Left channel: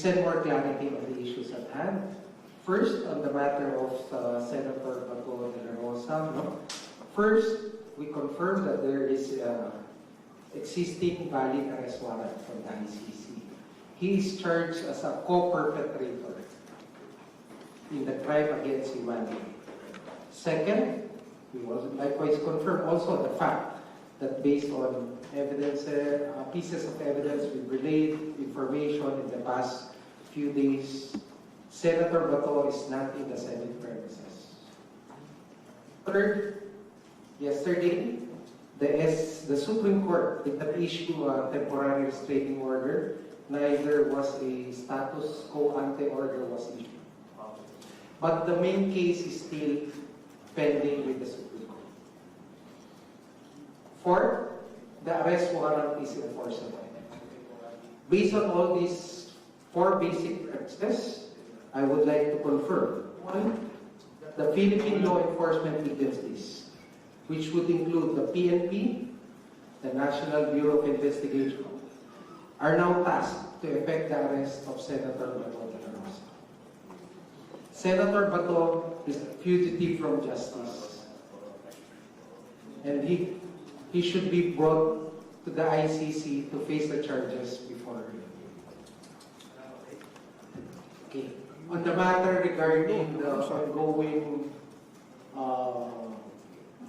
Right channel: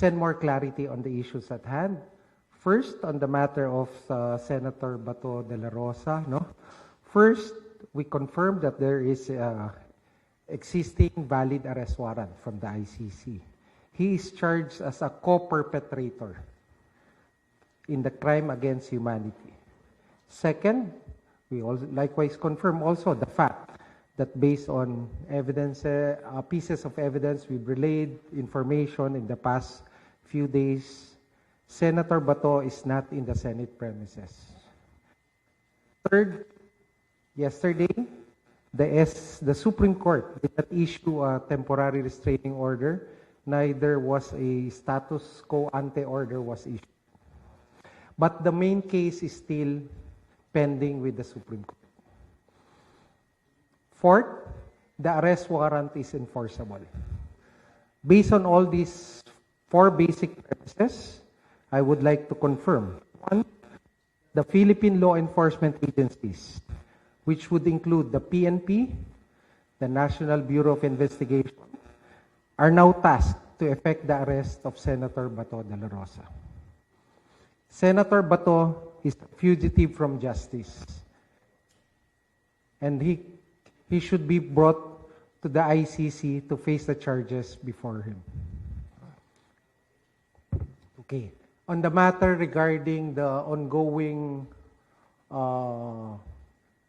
present more clarity on the issues at hand. First, on the matter of Senator Bato de la Rosa. First, we confirm that there is existing valid arrest warrant from the ICC. He is charged as a co-perpetrator in the crime against humanity. Second, we also likewise confirm also the fact that based on evidence, pieces of evidence we've relayed information in the past few days, Senator Bato is not in the Senate premises. Third, yesterday, the Supreme Court did not issue a temporary restraining order. Neither was a status quo ante order was issued. But the main case is still pending with the Supreme Court. Fourth, the arrest warrant is enforceable. Based on all these four basic premises, I would like to confirm. One, the Philippine law enforcement agencies, which would include the PNP, the National Bureau of Investigation, are now tasked to effect the arrest of Senator Bato de la Rosa. Senator Bato is a fugitive from justice, and he should be brought to the ICC to face the charges before him. Okay. On the matter regarding the ongoing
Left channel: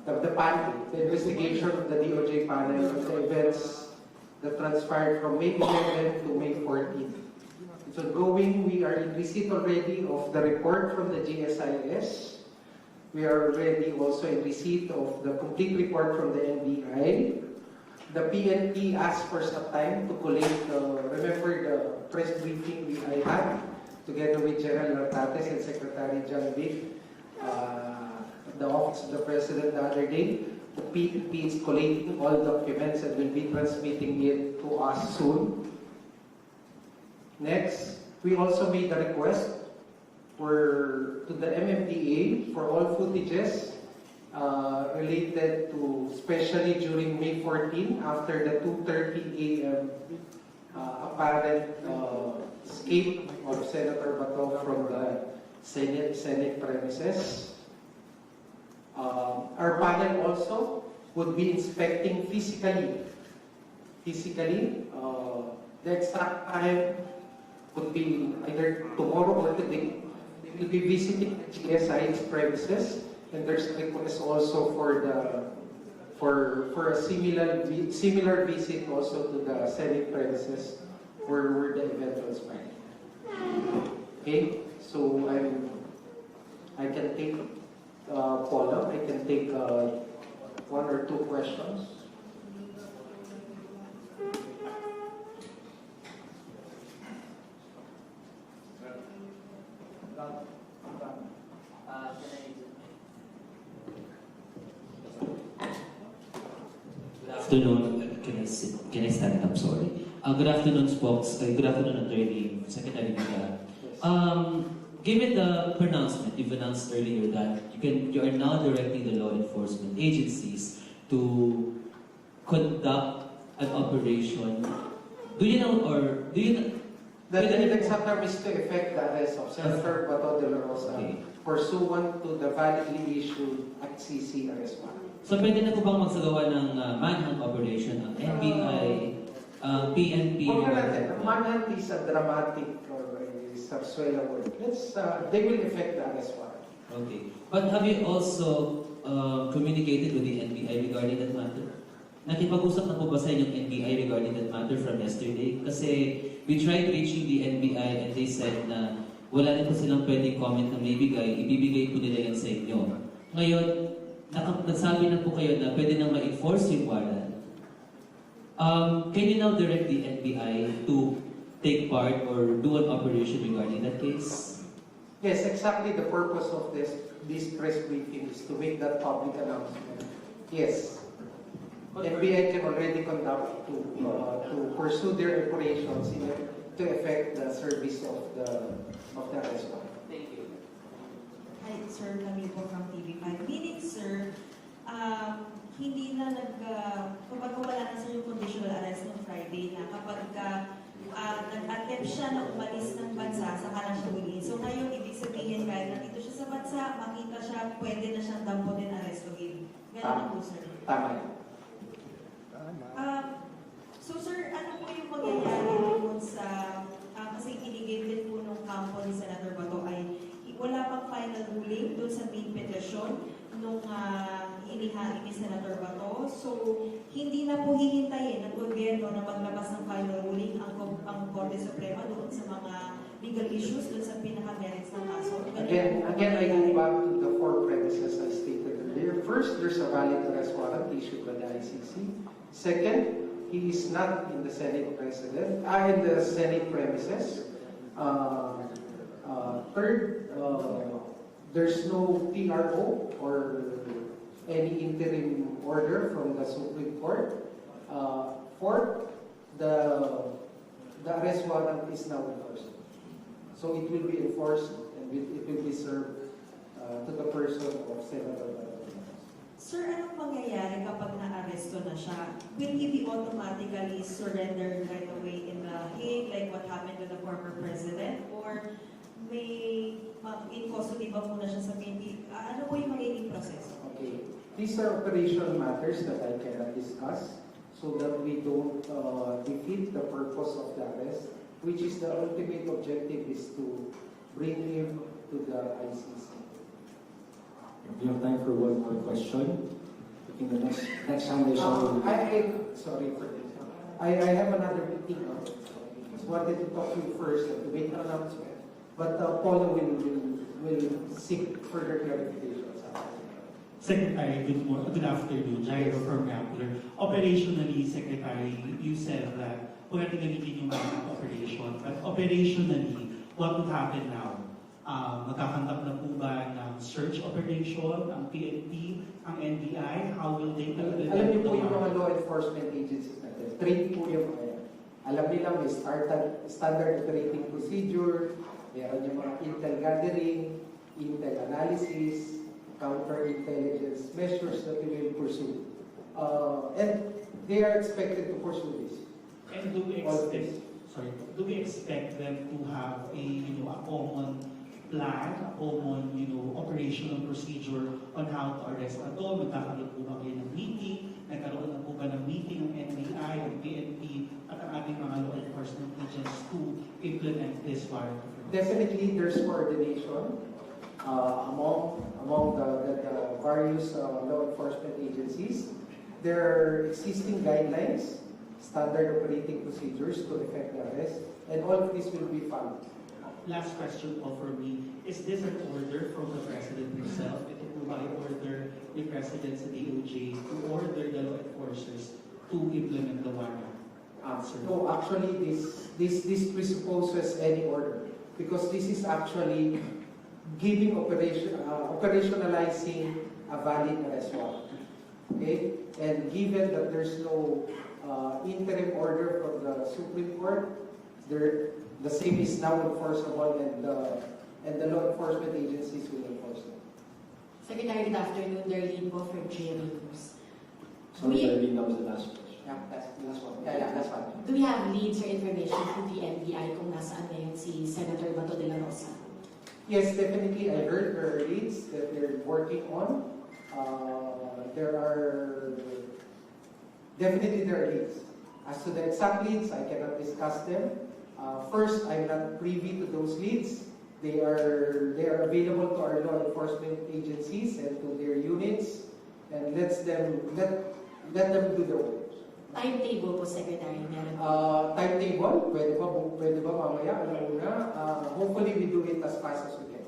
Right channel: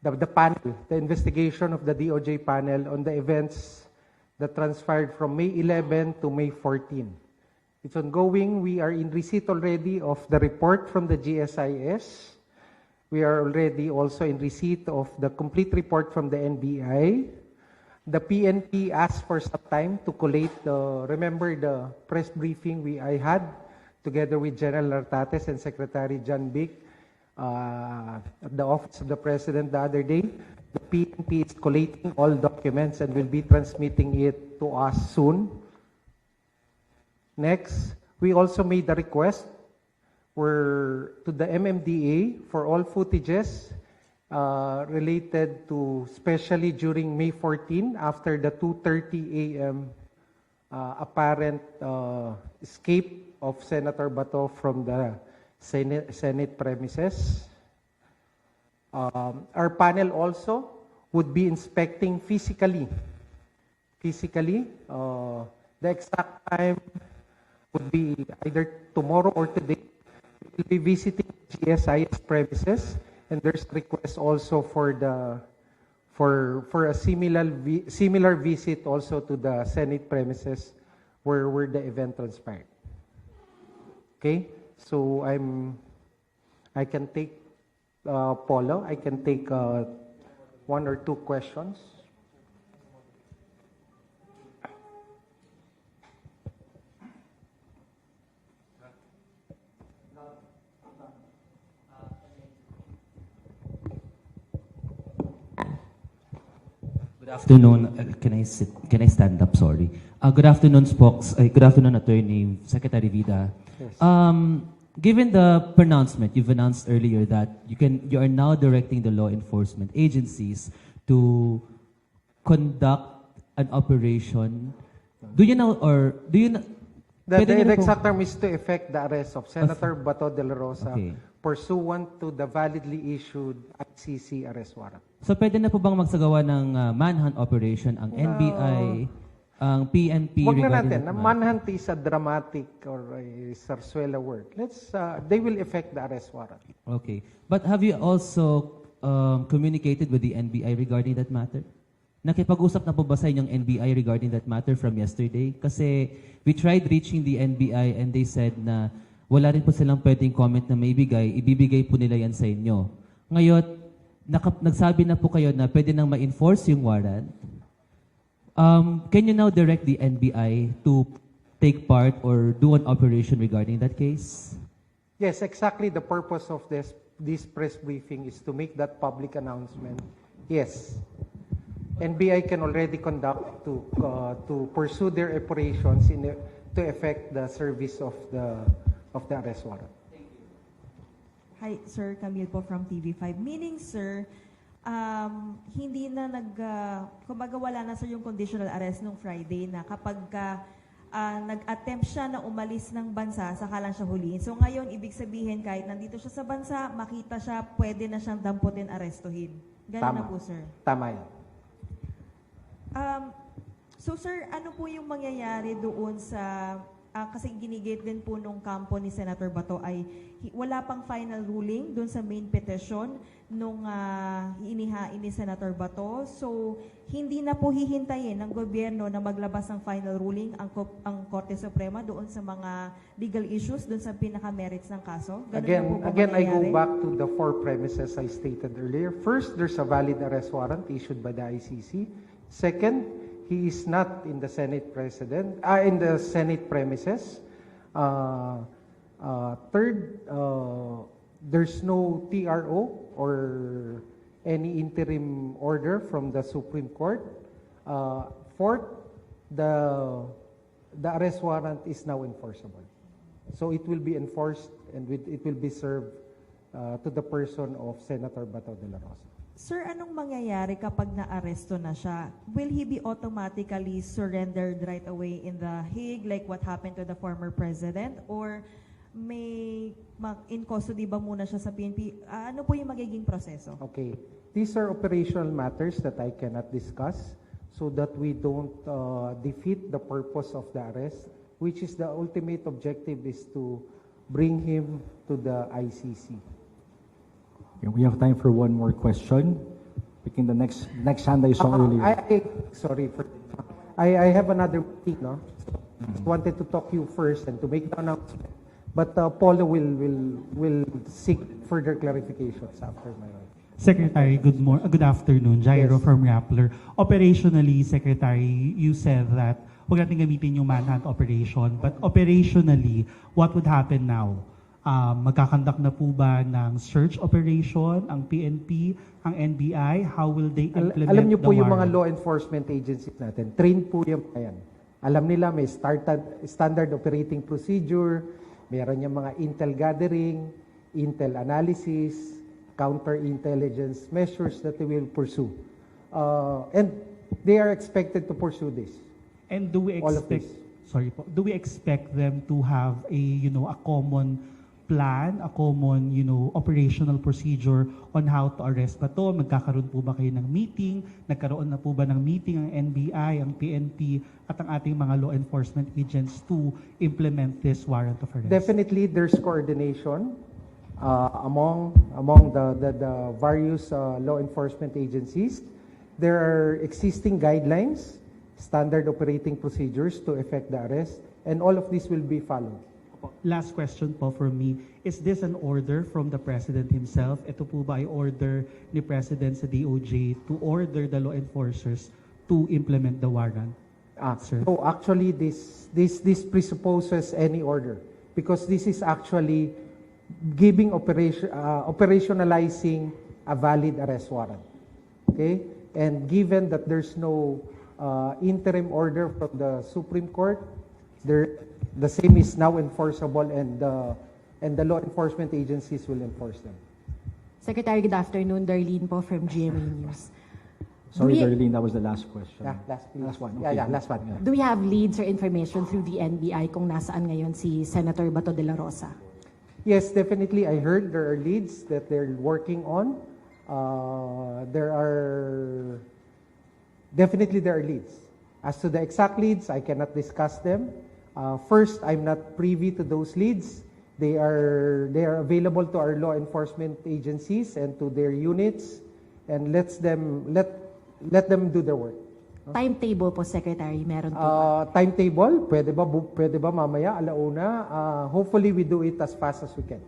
the panel, the investigation of the DOJ panel on the events that transpired from May 11 to May 14. It's ongoing. We are in receipt already of the report from the GSIS. We are already also in receipt of the complete report from the NBI. The PNP asked for some time to collate, remember the press briefing I had together with General Nartates and Secretary John Vic at the Office of the President the other day. The PNP is collating all documents and will be transmitting it to us soon. Next, we also made a request to the MMDA for all footages related to, especially during May 14, after the 2:30 a.m. Apparent escape of Senator Bato from the Senate premises. Our panel also would be inspecting physically. The exact time would be either tomorrow or today. We'll be visiting GSI's premises, and there's request also for a similar visit also to the Senate premises where the event transpired. Okay, so I can take Paulo. I can take one or two questions. Good afternoon. Can I stand up? Sorry. Good afternoon, Spokes. Good afternoon, Attorney Secretary Vida. Yes. Given the pronouncement you've announced earlier that you are now directing the law enforcement agencies to conduct an operation, do you know? The exact term is to effect the arrest of Senator Bato de la Rosa pursuant to the validly issued ICC arrest warrant. So pwede na po bang magsagawa ng manhunt operation ang NBI, PNP? Huwag na natin. Manhunt is a dramatic or a sarsuela word. They will effect the arrest warrant. Okay. But have you also communicated with the NBI regarding that matter? Nakipag-usap na po ba sa inyong NBI regarding that matter from yesterday? Kasi we tried reaching the NBI and they said na wala rin po silang pwedeng comment na may ibibigay po nila yan sa inyo. Ngayon, nagsabi na po kayo na pwede nang ma-enforce yung warrant. Can you now direct the NBI to take part or do an operation regarding that case? Yes, exactly the purpose of this press briefing is to make that public announcement. Yes. NBI can already conduct to pursue their operations to effect the service of the arrest warrant. Thank you. Hi, Sir Camille po from TV5. Meaning, sir, hindi na kumbaga wala na sir yung conditional arrest nung Friday na kapag nag-attempt siya na umalis ng bansa, saka lang siya huliin. So ngayon, ibig sabihin, kahit nandito siya sa bansa, makita siya, pwede na siyang damputin, arestuhin. Ganun na po, sir. Tama yan. So sir, ano po yung mangyayari doon sa, kasi ginigit din po nung kampo ni Senator Bato ay wala pang final ruling doon sa main petition nung inihain ni Senator Bato. So hindi na po hihintayin ng gobyerno na maglabas ng final ruling ang Korte Suprema doon sa mga legal issues, doon sa pinaka-merits ng kaso. Ganun Again, I go mangyayari. back to the four premises I stated earlier. First, there's a valid arrest warrant issued by the ICC. Second, he is not in the Senate premises. Third, there's no TRO or any interim order from the Supreme Court. Fourth, the arrest warrant is now enforceable. So it will be enforced and it will be served to the person of Senator Bato de la Rosa. Sir, anong mangyayari kapag na-aresto na siya? Will he be automatically surrendered right away in The Hague like what happened to the former president? Or may in custody ba muna siya sa PNP? Ano po yung magiging proseso? Okay. These are operational matters that I cannot discuss so that we don't defeat the purpose of the arrest, which is the ultimate objective is to bring him to the ICC. We have time for one more question. Picking the next hand I saw earlier. I have another thing, no? Wanted to talk to you first and to make the announcement. But Paulo will seek further clarifications after that. Secretary, good afternoon. Jairo from Rappler. Operationally, Secretary, you said that huwag natin gamitin yung manhunt operation. But operationally, what would happen now? Magkakandak na po ba ng search operation, ang PNP, ang NBI? How will they implement Alam niyo po the yung mga warrant? law enforcement agencies natin, train po yung yan. Alam nila may standard operating procedure, meron yung mga intel gathering, intel analysis, counter-intelligence measures that they will pursue. And they are expected to pursue this. And do we All of expect them to have a common plan, a common, operational procedure on how to arrest pa to? Magkakaroon po ba kayo ng meeting? Nagkaroon na po ba ng meeting ang NBI, ang PNP, at ang ating mga law enforcement agents to implement this warrant of arrest? Definitely, there's coordination among the various law enforcement agencies. There are existing guidelines, standard operating procedures to effect the arrest, and all of this will be followed. Last question po for me. Is this an order from the President himself? Ito po ba ay order ni President sa DOJ to order the law enforcers to implement the warrant? Sir? No, actually, this presupposes any order because this is actually giving operationalizing a valid arrest warrant. Okay, and given that there's no interim order from the Supreme Court, the same is now enforceable, and the law enforcement agencies will enforce them. Secretary, good afternoon. Darlene po from GMA News. Sorry, Do we- Darlene, that was the last question. Yeah, Last one. Yeah, last one. Do we have leads or information through the NBI kung nasaan ngayon si Senator Bato de la Rosa? Yes, definitely. I heard there are leads that they're working on. There are leads. As to the exact leads, I cannot discuss them. First, I'm not privy to those leads. They are available to our law enforcement agencies and to their units, and let them do their work. Timetable po, Secretary, meron po ba? Timetable, pwede ba mamaya, alauna? Hopefully we do it as fast as we can.